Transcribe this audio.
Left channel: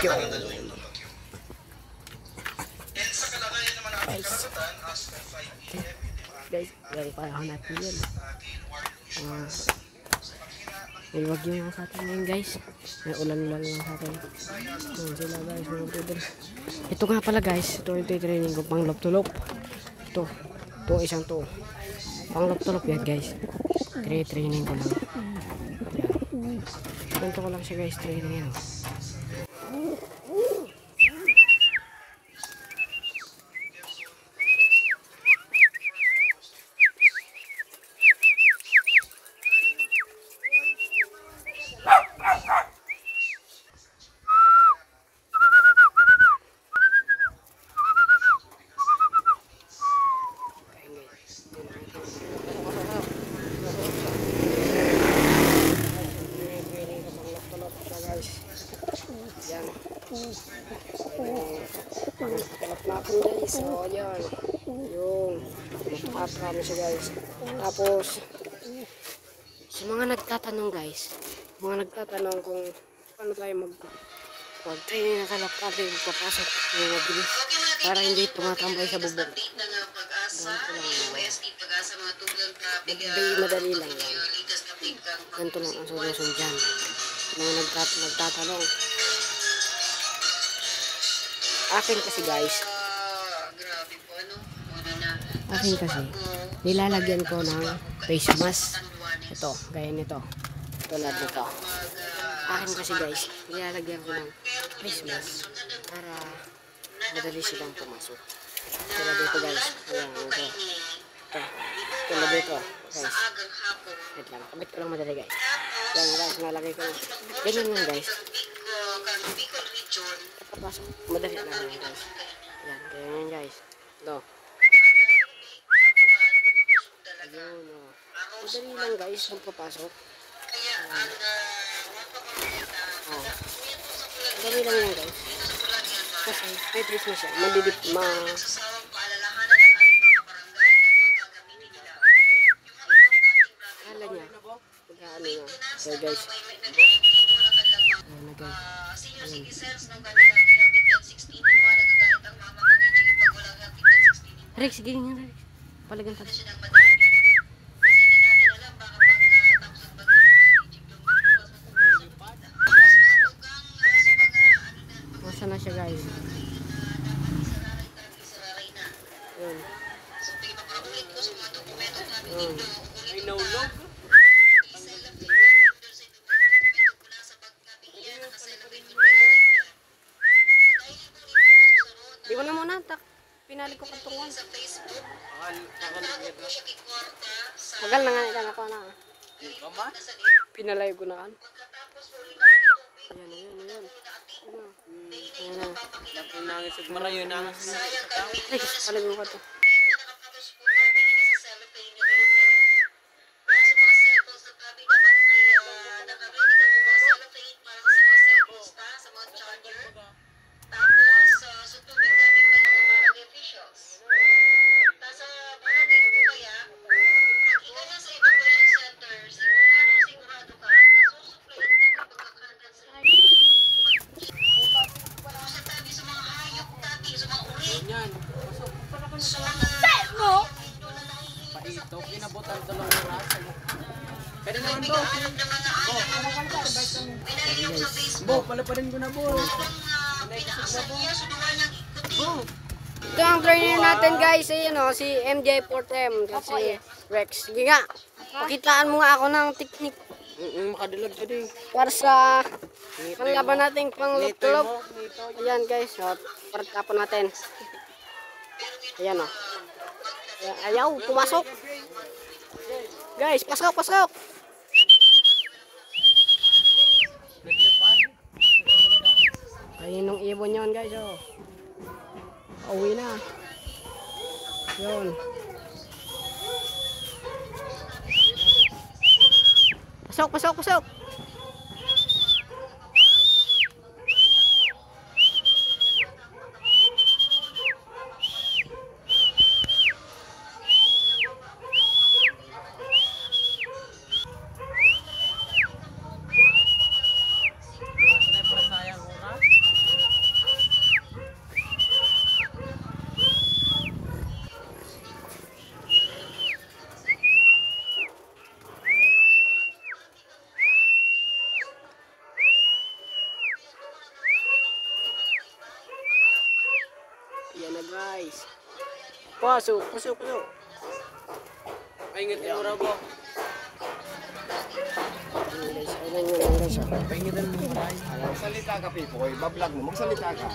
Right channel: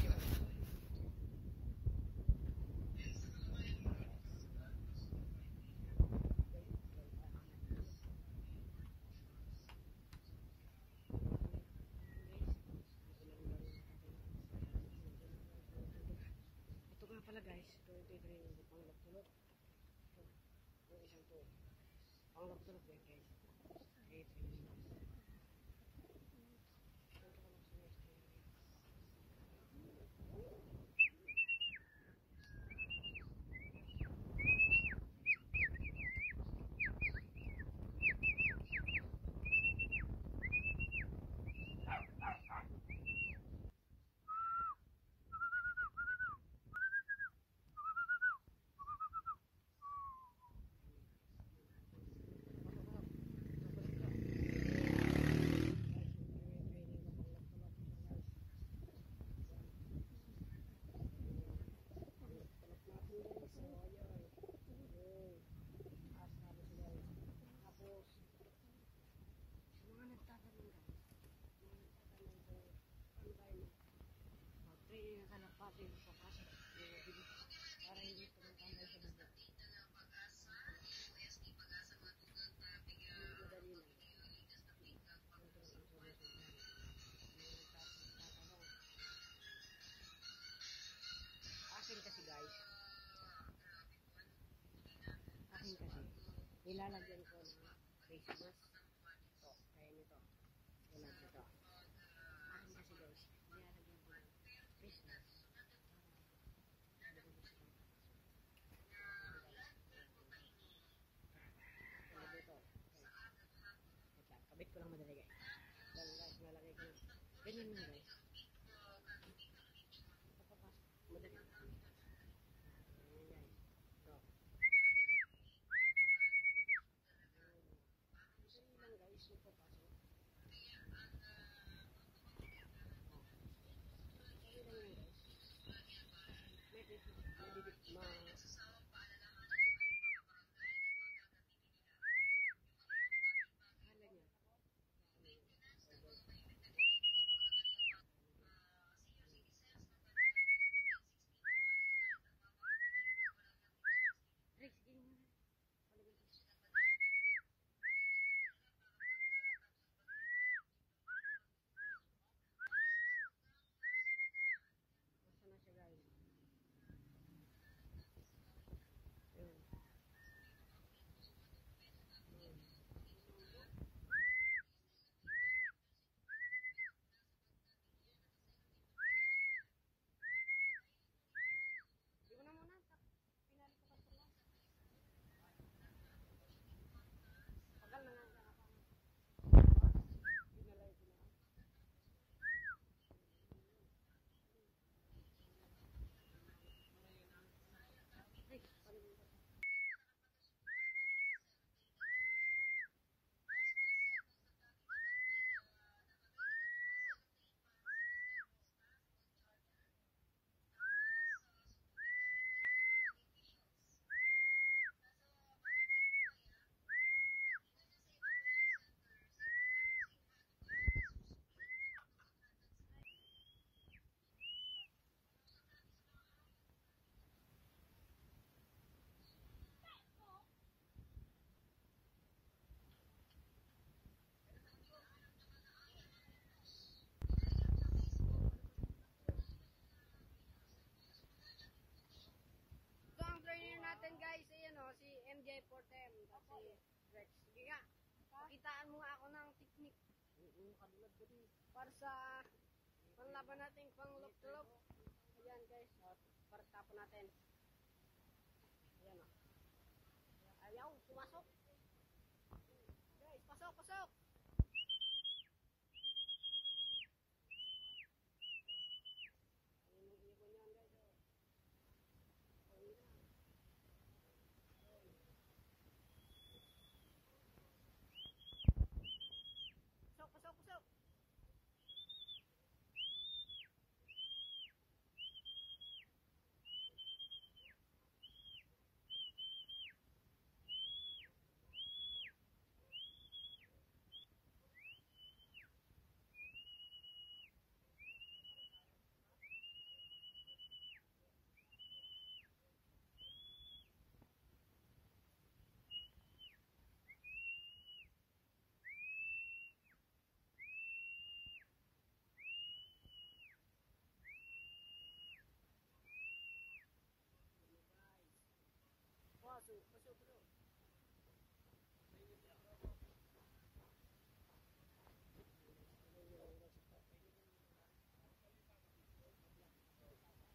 Guys, gano'n pa ako natin yun. May wagyo nga sa atin ngayon guys. May ulan-ulan lang sa atin. Sila guys, mga brother. Ito nga pala guys, ito training ko pang lop-tulop. Ito isang to. Pang lop-tulop yan guys. Training ko lang. Ganito ko lang siya guys, training yan. So yan yung up siya guys. Tapos sa mga nagtatanong guys, kung paano tayo mag-training na kalap natin papasok ng mabilis para hindi tumatambay sa bubong. Madali lang yan. Ganito lang ang solusyon dyan. Mga nagtatanong. Akin kasi guys, nilalagyan ko ng face mask. Ito, gaya nito. Tulad nito. Akin kasi guys, nilalagyan ko ng face mask para madali silang pumasok. Tulad dito guys. Ayan, ito. Tulad dito guys. Wait lang, kabit ko lang madali guys. Yan guys, nalagay ko lang. Ganyan lang guys. Papasok, madali lang guys. Yan, ganyan guys. Ito. Madali lang guys ang papasok. Madali lang yan guys. Kasi may dress na siya. Madidip kala niya. Pagkaano niya. So guys. Ayan na guys. Rex, sige nga Rex. Palagan ka. Na siya guys. Yun. May naulog. Di ko na muna. Pinali ko katungan. Tagal na nga ikan ako na. Pinalay ko na kan. Ayan. Nangis marayo nangis. Ay, palago ko to. Bo, palaparin ko na bo. Ito ang trainer natin guys, si MJ Portem, si Rex. Sige nga, pakitaan mo nga ako ng teknik. Makadilag ka din. Para sa panglaban natin panglutulog. Ayan guys, parang natin. Ayan o. Ayaw, pumasok. Guys, pasok. Ayun yung ibon yun guys, Uwi na. Yun. Pasok. na guys. Pasok, pasok, pasok. Paingit yung mura ko. Ayun guys, ayun yun lang guys. Oh. Paingitan mo maray. Magsalita ka, Pipoy. Bablog mo. Magsalita ka.